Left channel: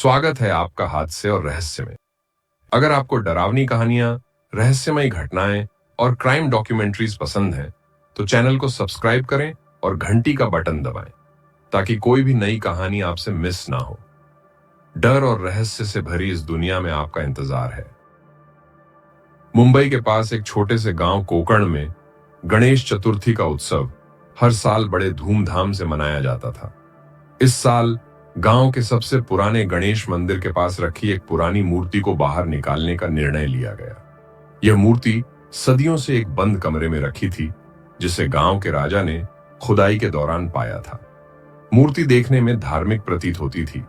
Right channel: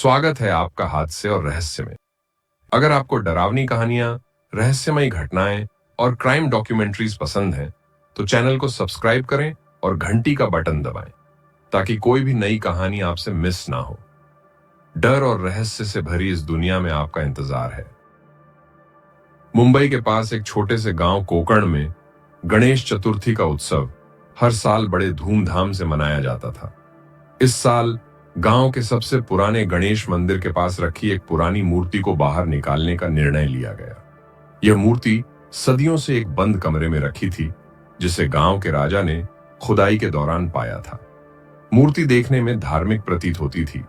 स्वागत है आपका हादसे और रहस्य में। अगर आपको डरावनी कहानियां, रहस्यमयी घटनाएं और क्राइम डॉक्यूमेंट्रीज पसंद हैं, तो चैनल को सब्सक्राइब करें और घंटी का बटन दबाएं ताकि कोई भी नई कहानी आपसे मिस ना हो। डर और रहस्य से भरी इस दुनिया में आपका इंतजार है। मुंबई के पास एक छोटे से गांव कोकण में गणेश चतुर्थी का उत्सव हर साल बड़े धूमधाम से मनाया जाता था। इस साल गांव के सबसे पुराने गणेश मंदिर के पास रखी एक पुरानी मूर्ति को बाहर निकालने का निर्णय लिया गया। यह मूर्ति सदियों से एक बंद कमरे में रखी थी, जिसे गांव के राजा ने खुदाई के दौरान पाया था। मूर्ति देखने में धार्मिक प्रतीत होती थी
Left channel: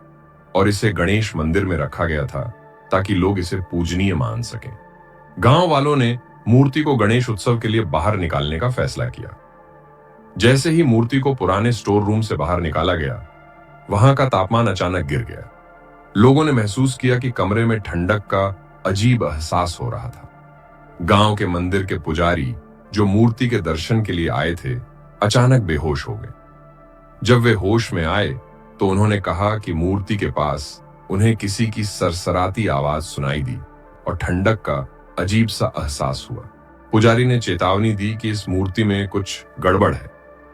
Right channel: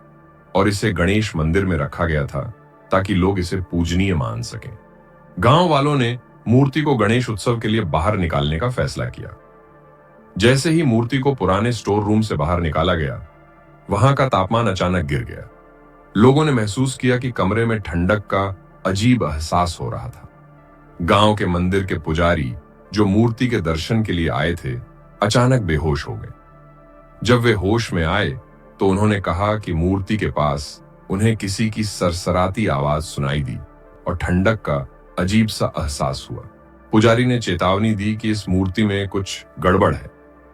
और इसे गणेश मंदिर में रखा गया था ताकि लोग इसे पूजनीय मान सकें। गांव वालों ने मूर्ति को गणेश उत्सव के लिए बाहर निकालने का फैसला किया। जैसे ही मूर्ति को पुराने स्टोर रूम से बाहर निकाला गया, वहां का तापमान अचानक गिर गया। लोगों ने महसूस किया कि कमरे में ठंडक का अजीब एहसास हो रहा था। गांव के मंदिर के पुजारी, जो मूर्ति के दर्शन के लिए आए थे, अचानक बेहोश हो गए। जब वे होश में आए तो उन्होंने कहा कि मूर्ति के पास उन्हें किसी की सरसराती आवाज सुनाई दी और ठंडक का अजीब सा एहसास हुआ। पुजारी ने चेतावनी दी कि इस मूर्ति में कुछ गड़बड़ है,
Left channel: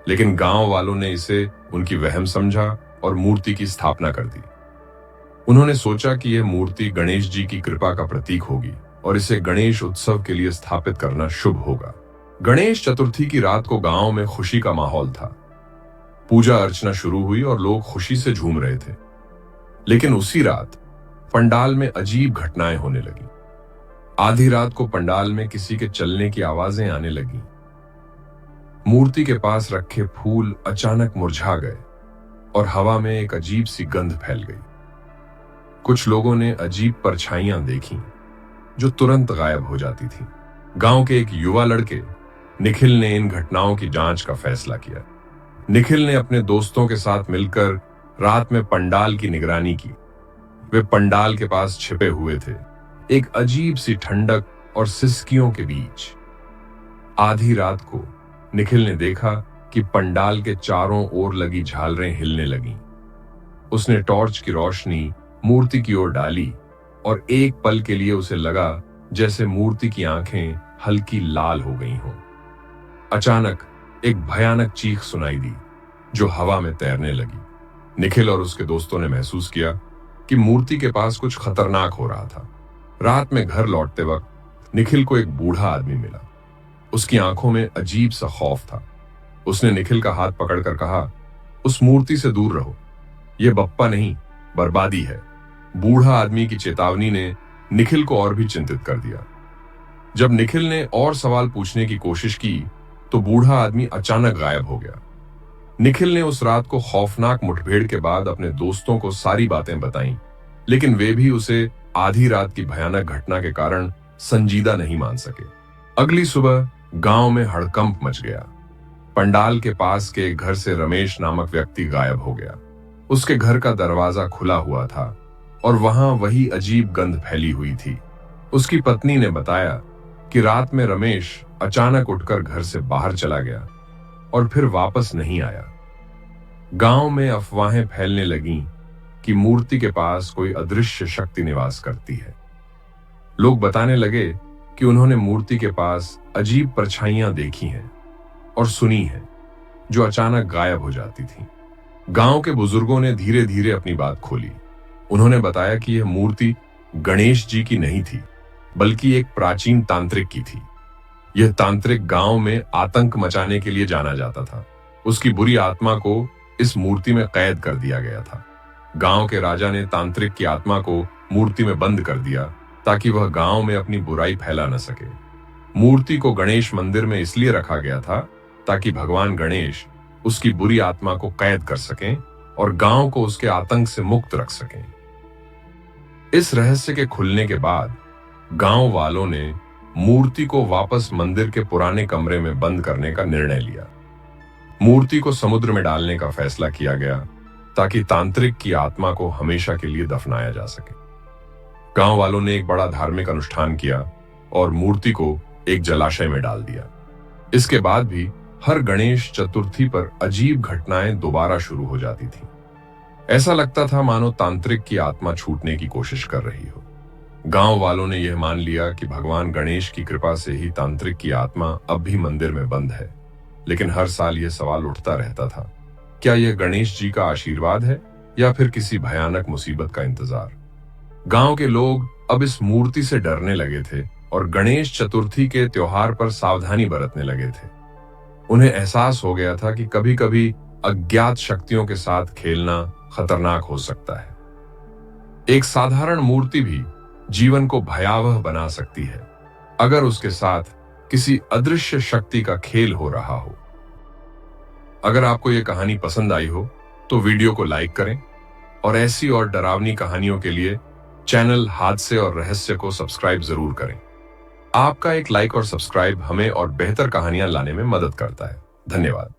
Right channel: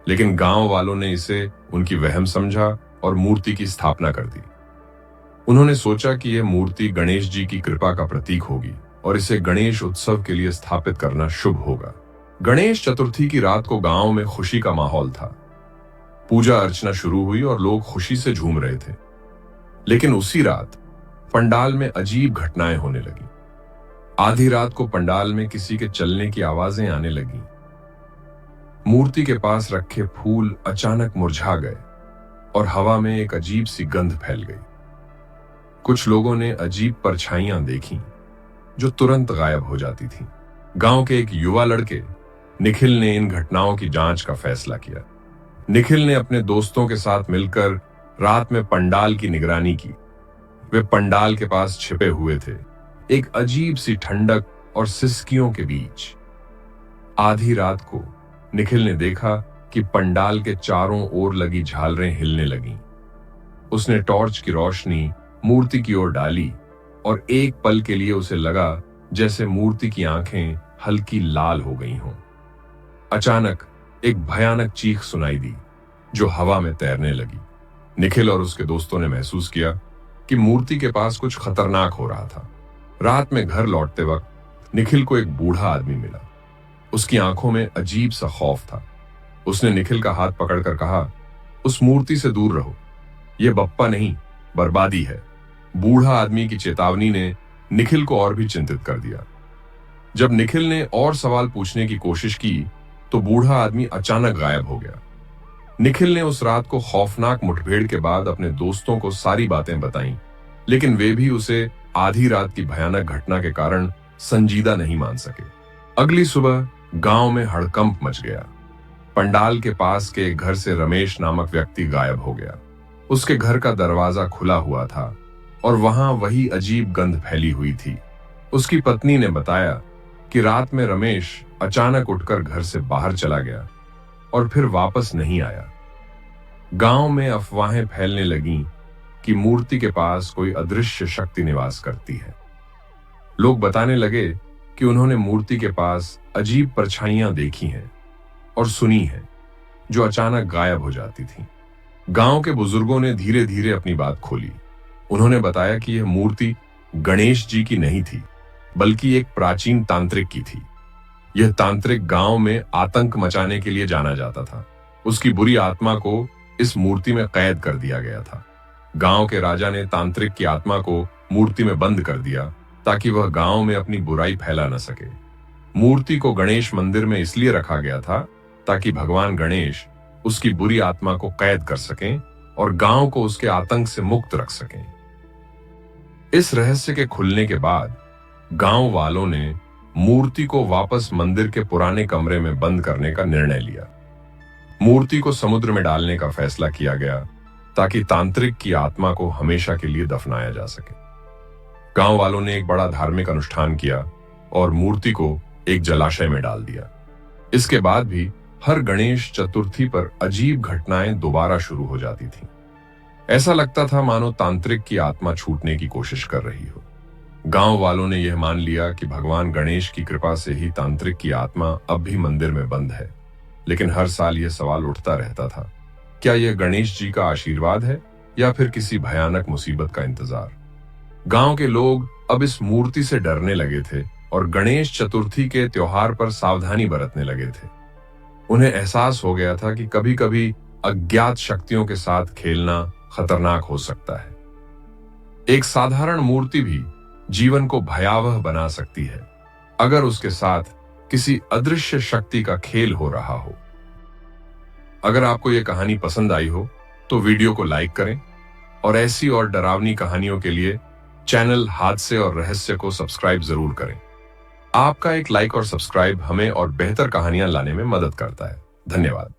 लेकिन गांव वालों ने इसे उनकी वहम समझा और मूर्ति की स्थापना कर दी। उन्होंने सोचा कि यह मूर्ति गणेश जी की कृपा का प्रतीक होगी और इसे गणेश उत्सव के लिए स्थापित करना शुभ होगा। गणेश चतुर्थी की रात को गांव में खुशी का माहौल था। पूजा अर्चना शुरू हुई और लोग खुशी से झूम रहे थे। लेकिन उसी रात पंडाल में अजीब घटनाएं होने लगी। आधी रात को पंडाल में किसी के चलने की आवाजें आने लगी। मूर्ति के पास रखे फूल अचानक मुरझा गए और हवा में एक अजीब सी गंध फैल गई। कुछ लोगों ने अजीब परछाइयां देखी जो तुरंत गायब हो जाती थी। गांव के एक युवा लड़के निखिल ने इन घटनाओं की जांच का फैसला किया। निखिल ने अपने दोस्तों के साथ मिलकर रात में पंडाल की निगरानी की। वे पंडाल के पास छिपे हुए थे, एक अजीब सी ठंडक और सिसकियों के बीच। आधी रात को निखिल ने देखा कि पंडाल के चारों ओर लगी झालरें हिलने लगीं। उसने टॉर्च की रोशनी मूर्ति की ओर डाली और एक पल के लिए उसे लगा जैसे मूर्ति की आंखें हल्की लाल हो गई हों। अचानक एक भयानक चीख सुनाई दी जो हवा में तैरने लगी। निखिल और उसके दोस्तों ने महसूस किया कि मूर्ति के पास कुछ खतरनाक हो रहा था। रात में घर लौटते वक्त निखिल को एक बूढ़ा आदमी मिला। उसकी आंखों में अजीब सा खौफ था। उसने निखिल का हाथ पकड़कर कहा, उस मूर्ति से दूर रहो, यह बप्पा नहीं, बर्बादी है। बूढ़ा आदमी की चेतावनी ने निखिल को और भी चिंतित कर दिया। जब निखिल ने और सवाल पूछने की कोशिश की तो बूढ़ा आदमी अचानक गायब हो गया। निखिल ने उस रात को खौफनाक मुठभेड़ के बाद अपने दोस्तों को सारी बातें बताईं, लेकिन वे भी उसे आधी रात की भयानक घटना के कारण संजीदा नहीं मान सके। अगली सुबह गांव में हड़कंप मच गया। पंडाल के पास के घर से रमेश नामक व्यक्ति गायब हो गया। उसके घर का दरवाजा खुला हुआ था और वहां वही अजीब गंध फैली हुई थी। उसकी पत्नी ने बताया कि रात में रमेश अचानक उठकर घर से बाहर चला गया और फिर वापस नहीं आया। गांव में अफवाहें फैलने लगीं कि मूर्ति के पास कोई अदृश्य शक्ति निवास करती है। लोग बताने लगे कि उन्होंने मूर्ति के पास अजीब परछाइयां देखी हैं और सुनी है जो अचानक गायब हो जाती थी। गांव के बुजुर्गों ने धीरे धीरे अपनी बात खोली। उन्होंने बताया कि यह मूर्ति गणेश जी की नहीं थी, बल्कि एक प्राचीन तांत्रिक की थी। यह तांत्रिक गांव में आतंक मचाने के लिए जाना जाता था। उसकी बुरी आत्मा को इस मूर्ति में कैद कर दिया गया था। गांव के राजा ने तांत्रिक की आत्मा को मूर्ति में बंद कर दिया ताकि वह गांव में अपनी बुराई फैला न सके। मूर्ति को गणेश मंदिर में इसलिए रखा गया था ताकि भगवान गणेश उसकी बुरी आत्मा को कैद कर सकें और गांव को उसके आतंक से मुक्त रख सकें। इस रहस्य के खुलने के बाद गांव वालों ने मूर्ति को वापस मंदिर के पुराने कमरे में बंद करने का निर्णय लिया। मूर्ति को समुद्र में डालने का फैसला किया गया ताकि तांत्रिक की आत्मा को हमेशा के लिए दफनाया जा सके। गांव वालों ने एक बड़ा धार्मिक अनुष्ठान किया और मूर्ति को एक जलाशय में डाल दिया। इसके बाद भी हर गणेश चतुर्थी पर अजीब घटनाएं दोबारा शुरू हो जाती थीं। ऐसा लगता था मानो तांत्रिक की आत्मा छूटने की कोशिश कर रही हो। गांव वालों ने यह मान लिया कि भगवान गणेश की कृपा से ही तांत्रिक की आत्मा अब भी मंदिर में बंद है। लेकिन हर साल यह सवाल उठता रहता था, क्या यह गणेश जी का आशीर्वाद है या फिर किसी भयानक मुसीबत का इंतजार। गांव के लोग अब इस मूर्ति से डरने लगे थे और गणेश चतुर्थी के त्योहार पर सावधानी बरतने लगे थे। उन्हें एहसास हो गया था कि कभी कभी अज्ञात शक्तियों के साथ खेलना खतरनाक हो सकता है। एक साधारण मूर्ति भी जीवन को भयावह बना सकती है अगर उसके साथ किसी अदृश्य शक्ति का खेल हो रहा हो। अगर आपको यह कहानी पसंद आई हो तो वीडियो को लाइक करें और ऐसी और डरावनी कहानियों के लिए चैनल हादसे और रहस्य को सब्सक्राइब जरूर करें। आपका एक लाइक और सब्सक्राइब हमें और बेहतर कहानियां लाने में मदद करता है। धन्यवाद।